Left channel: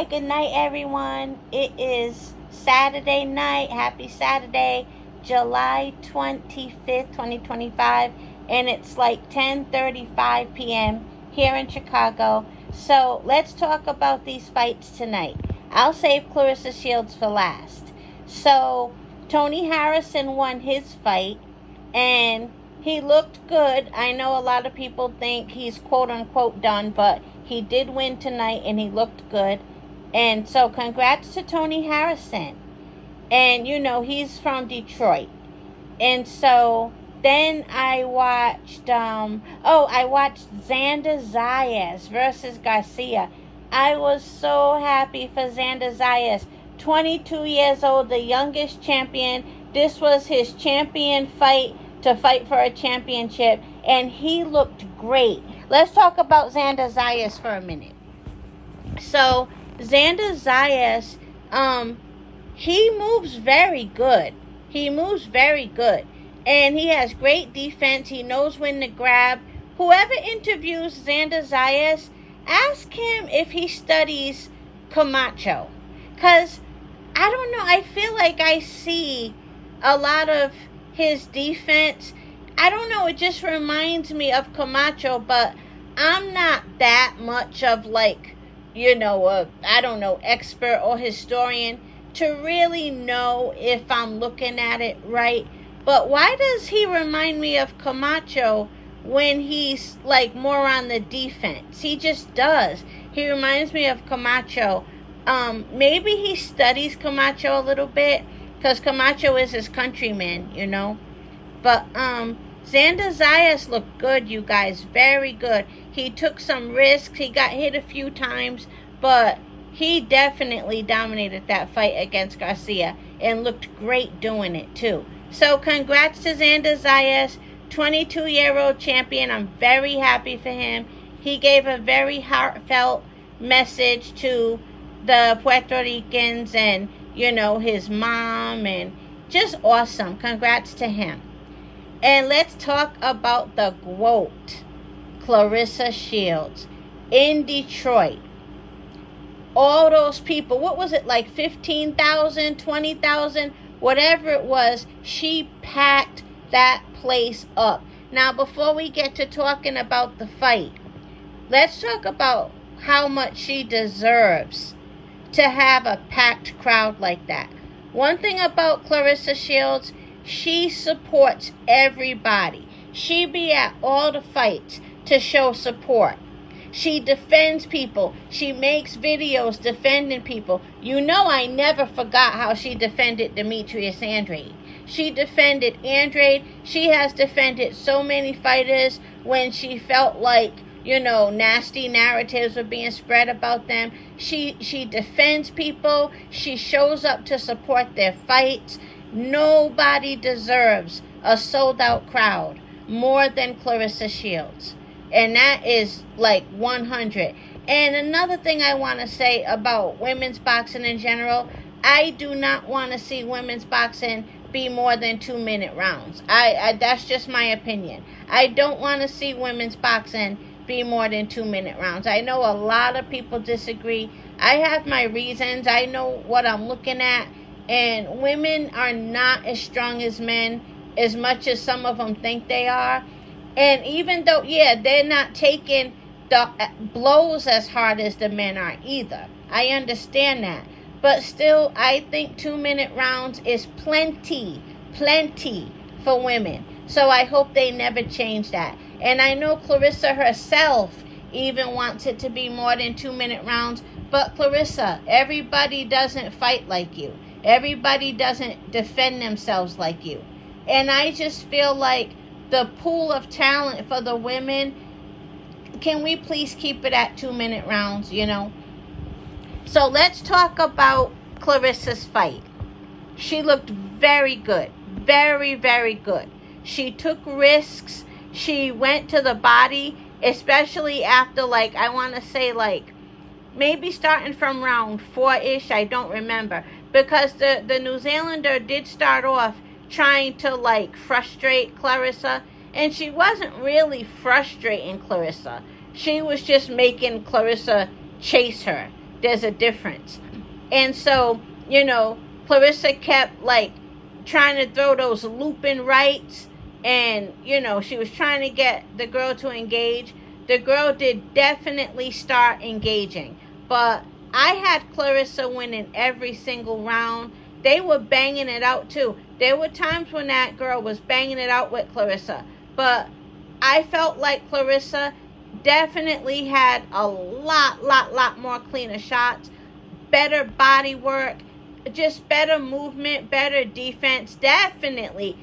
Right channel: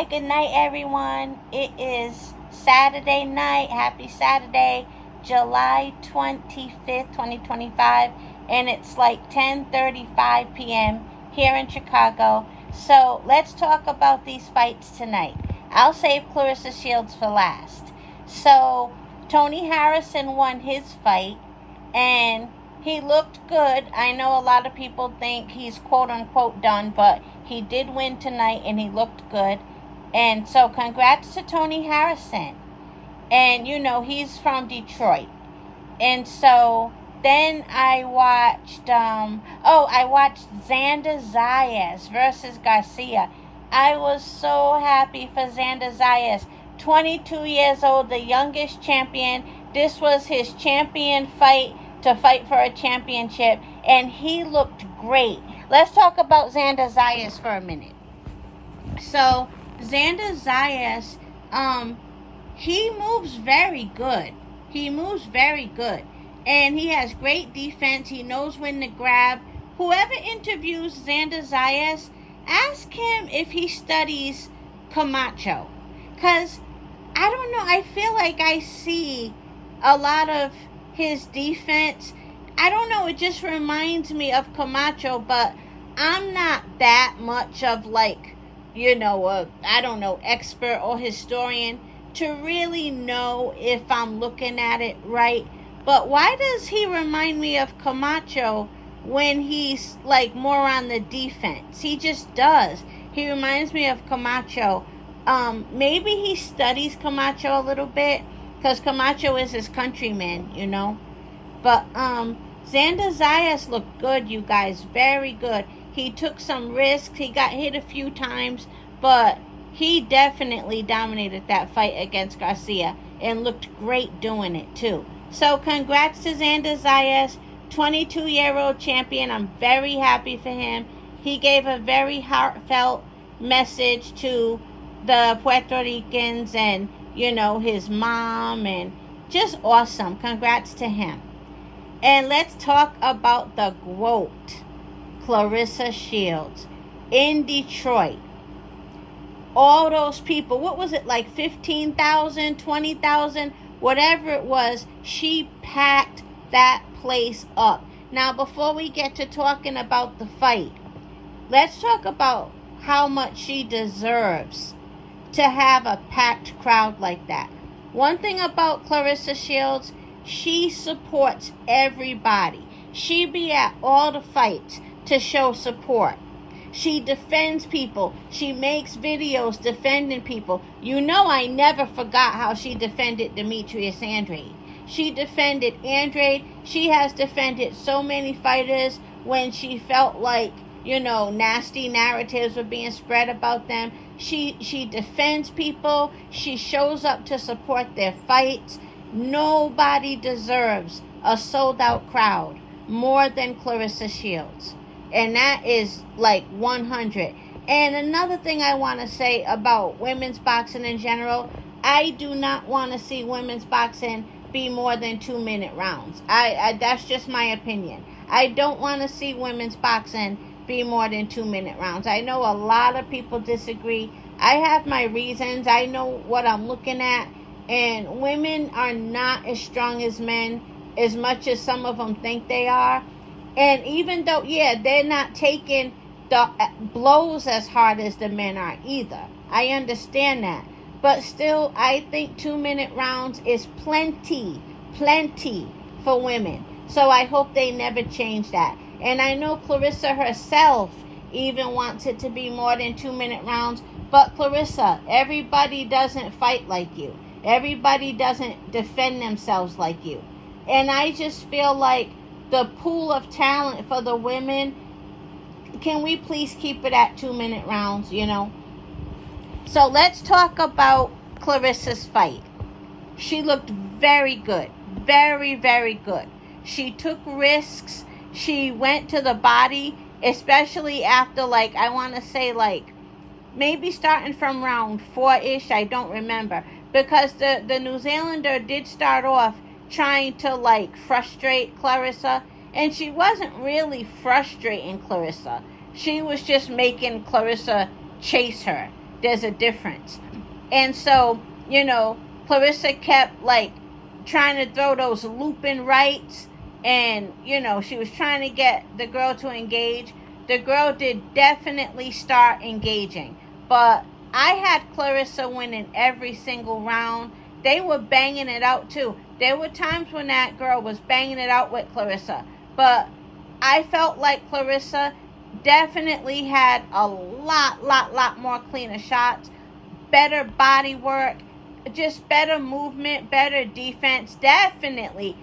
Hi, good night, everyone. It is Saturday night. Happy Saturday, July 25th, 2025. And it's like 10:35 p.m. here in Chicago. So let's talk about these fights tonight. I'll save Claressa Shields for last. So Toney Harrison won his fight, and he looked good. I know a lot of people think he's quote unquote done, but he did win tonight and he looked good. And so congrats to Toney Harrison. And you know, he's from Detroit. And so then I watched Zander Zayas versus Garcia. I was so happy for Zander Zayas. 22 years old, the youngest champion. This was his champion fight, to fight for a championship, and he looked great. Let's talk about Zander Zayas for a minute. So Zander Zayas, he moves very good. He moves very good, and he has great defense. He knows when to grab. Whoever interviews Zander Zayas, ask him if he studies Camacho, because I don't know, I feel like I see a lot of his defense. I don't know, it just reminds me of Camacho, but I'm not that much of expert or historian to really know if I'm looking at it right. But why does he remind me of Camacho when he's like more on the defense? He just does. He reminds me of Camacho. Maybe he studies Camacho a little bit, because Camacho is his countryman, you know. But Zander Zayas looked good, you guys. Very good. He took some risks. He got hit a few times, but he definitely dominated that fight against Garcia and looked great doing it too. So congrats to Zander Zayas, 22-year-old champion. I'm very happy for him. He gave a very heartfelt message to the Puerto Ricans and, you know, his mom, and just awesome. Congrats to him. And let's talk about the Gwoat, Claressa Shields, in Detroit. All those people, what was it, like 15,000, 20,000, whatever it was, she packed that place up. Now, before we get to talking about the fight, let's talk about how much she deserves to have a packed crowd like that. One thing about Claressa Shields, she supports everybody. She be at all the fights to show support. She defends people. She makes videos defending people. You know, I never forgot how she defended Demetrius Andrade. She defended Andrade. She has defended so many fighters when she felt like, you know, nasty narratives were being spread about them. She defends people. She shows up to support their fights. Nobody deserves a sold-out crowd more than Claressa Shields. And that is like 100. And another thing I want to say about women's boxing in general, I do not want to see women's boxing be more than 2-minute rounds. I that's just my opinion. I don't want to see women's boxing be more than 2-minute rounds. I know a lot of people disagree. I have my reasons. I know what I'm looking at. And women are not as strong as men, as much as some of them think they are. And even though, yeah, they're not taking the blows as hard as the men are either. I understand that. But still, I think 2-minute rounds is plenty for women. So I hope they never change that. And I know Claressa herself even wants it to be more than 2-minute rounds. But Claressa, everybody doesn't fight like you. Everybody doesn't defend themselves like you. And I just feel like the pool of talent for the women, can we please keep it at 2-minute rounds, you know? So let's talk about Claressa's fight. She looked very good. Very, very good. She took risks. She went to the body, especially after, like, I want to say, like, maybe starting from round 4-ish. I don't remember. Because the New Zealander did start off trying to, like, frustrate Claressa. And she wasn't really frustrating Claressa. She was just making Claressa chase her. there's a difference. And so, Claressa kept like trying to throw those looping rights, and she was trying to get the girl to engage. The girl did definitely start engaging, but I had Claressa winning every single round. They were banging it out too. There were times when that girl was banging it out with Claressa, but I felt like Claressa definitely had a lot more cleaner shots, better body work, just better movement, better defense. Definitely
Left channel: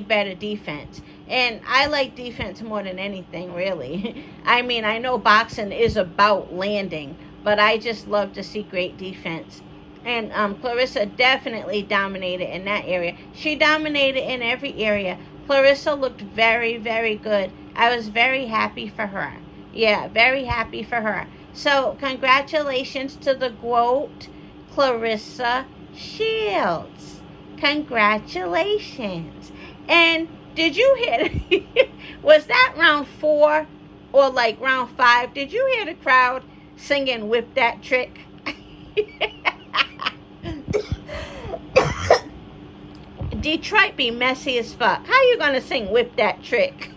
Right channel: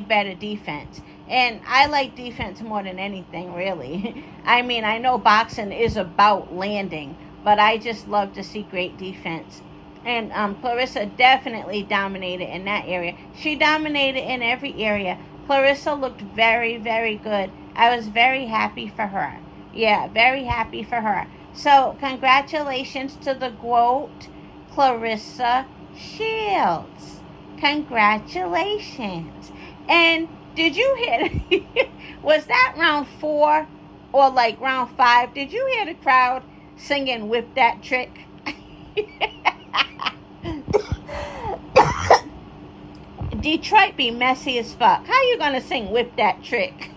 better defense. And I like defense more than anything, really. I mean, I know boxing is about landing, but I just love to see great defense. And Claressa definitely dominated in that area. She dominated in every area. Claressa looked very, very good. I was very happy for her. Yeah, very happy for her. So, congratulations to the Gwoat, Claressa Shields. Congratulations. And did you hear, was that round 4 or like round 5? Did you hear the crowd singing "Whip That Trick"? Detroit be messy as fuck. How you gonna sing "Whip That Trick"?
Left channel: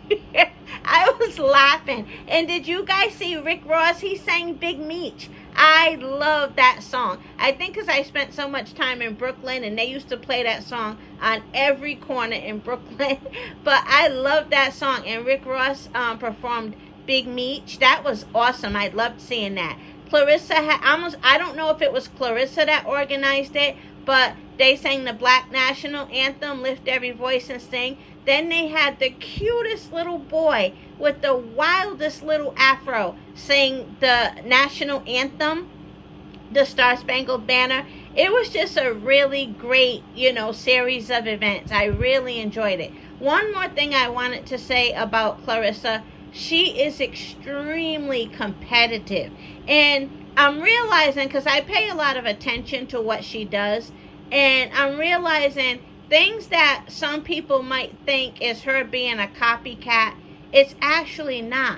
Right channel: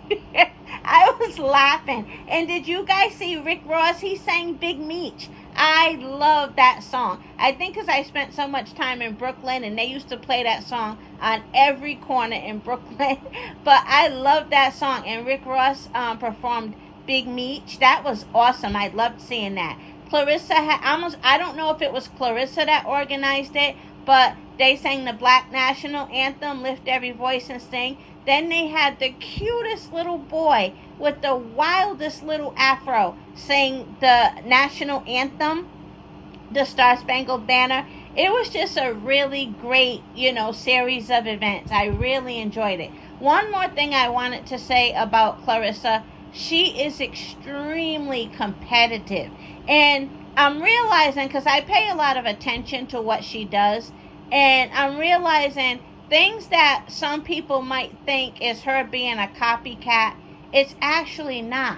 I was laughing. And did you guys see Rick Ross? He sang "Big Meech." I love that song. I think because I spent so much time in Brooklyn, and they used to play that song on every corner in Brooklyn. But I love that song. And Rick Ross performed "Big Meech." That was awesome. I loved seeing that. Claressa had I don't know if it was Claressa that organized it, but they sang the Black National Anthem, "Lift Every Voice and Sing." Then they had the cutest little boy with the wildest little afro sing the national anthem, the Star Spangled Banner. It was just a really great, series of events. I really enjoyed it. One more thing I wanted to say about Claressa. She is extremely competitive. And I'm realizing, because I pay a lot of attention to what she does, and I'm realizing things that some people might think is her being a copycat, it's actually not.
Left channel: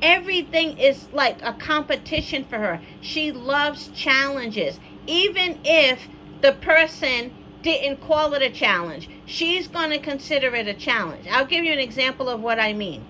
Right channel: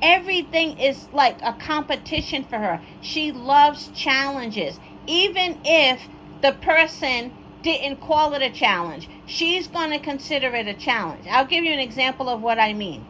Everything is like a competition for her. She loves challenges. Even if the person didn't call it a challenge, she's going to consider it a challenge. I'll give you an example of what I mean.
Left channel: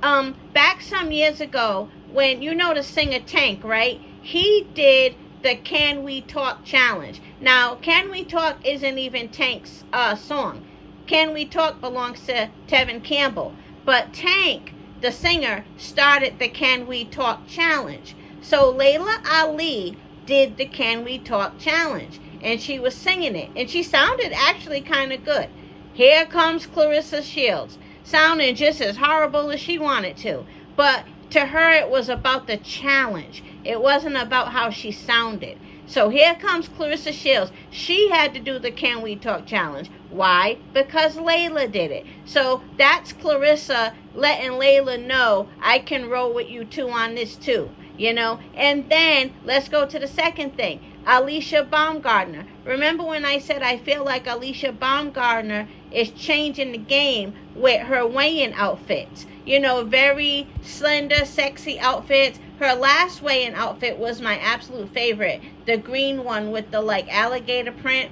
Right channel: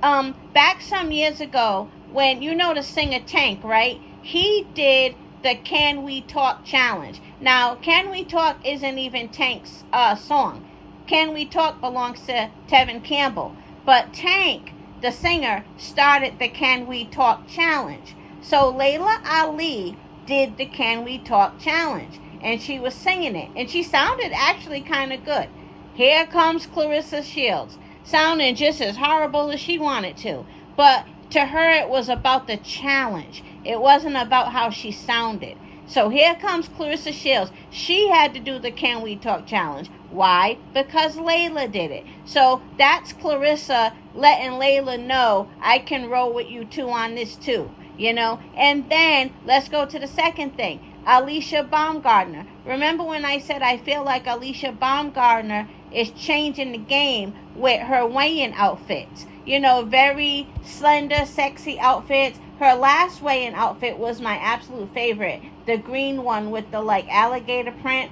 Back some years ago, when the singer Tank, right? He did the "Can We Talk" challenge. Now, "Can We Talk" isn't even Tank's song. "Can We Talk" belongs to Tevin Campbell. But Tank, the singer, started the "Can We Talk" challenge. So Layla Ali did the "Can We Talk" challenge, and she was singing it, and she sounded actually kind of good. Here comes Claressa Shields, sounding just as horrible as she wanted to. But to her, it was about the challenge. It wasn't about how she sounded. So here comes Claressa Shields. She had to do the "Can We Talk" challenge. Why? Because Layla did it. So that's Claressa letting Layla know, I can roll with you too on this too. And then let's go to the second thing. Alicia Baumgartner. Remember when I said I feel like Alicia Baumgartner is changing the game with her weigh-in outfits? Very slender, sexy outfits. Her last weigh-in outfit was my absolute favorite. The green one with the alligator print.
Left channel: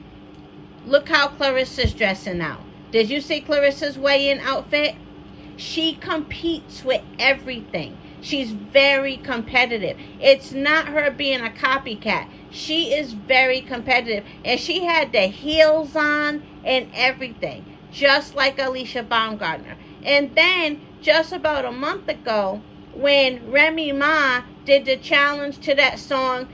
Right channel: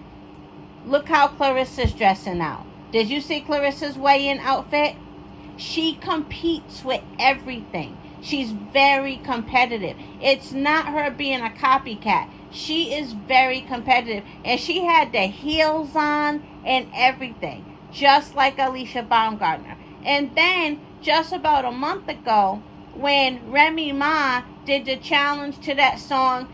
Look how Claressa's dressing now. Did you see Claressa's weigh-in outfit? She competes with everything. She's very competitive. It's not her being a copycat. She is very competitive. And she had the heels on and everything, just like Alicia Baumgartner. And then, just about a month ago, when Remy Ma did the challenge to that song,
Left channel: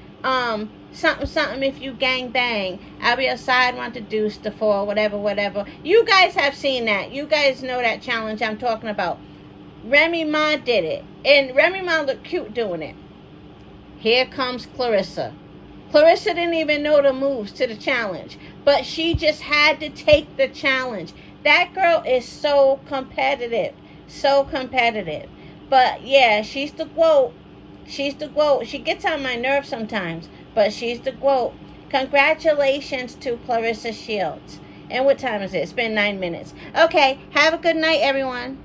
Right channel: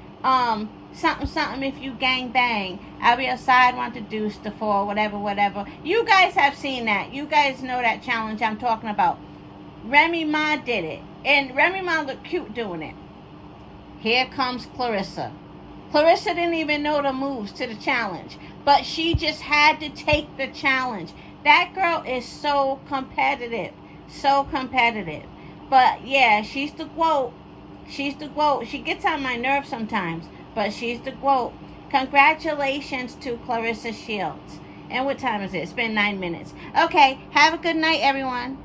something if you gang bang, I'll be outside, want to deuce the four, whatever. You guys have seen that. You guys know that challenge I'm talking about. Remy Ma did it, and Remy Ma looked cute doing it. Here comes Claressa. Claressa didn't even know the moves to the challenge, but she just had to take the challenge. That girl is so competitive. But yeah, she's the Gwoat. She gets on my nerves sometimes, but she's the Gwoat. Congratulations to Claressa Shields. And what time is it? It's been 9 minutes. Okay, have a good night, everyone.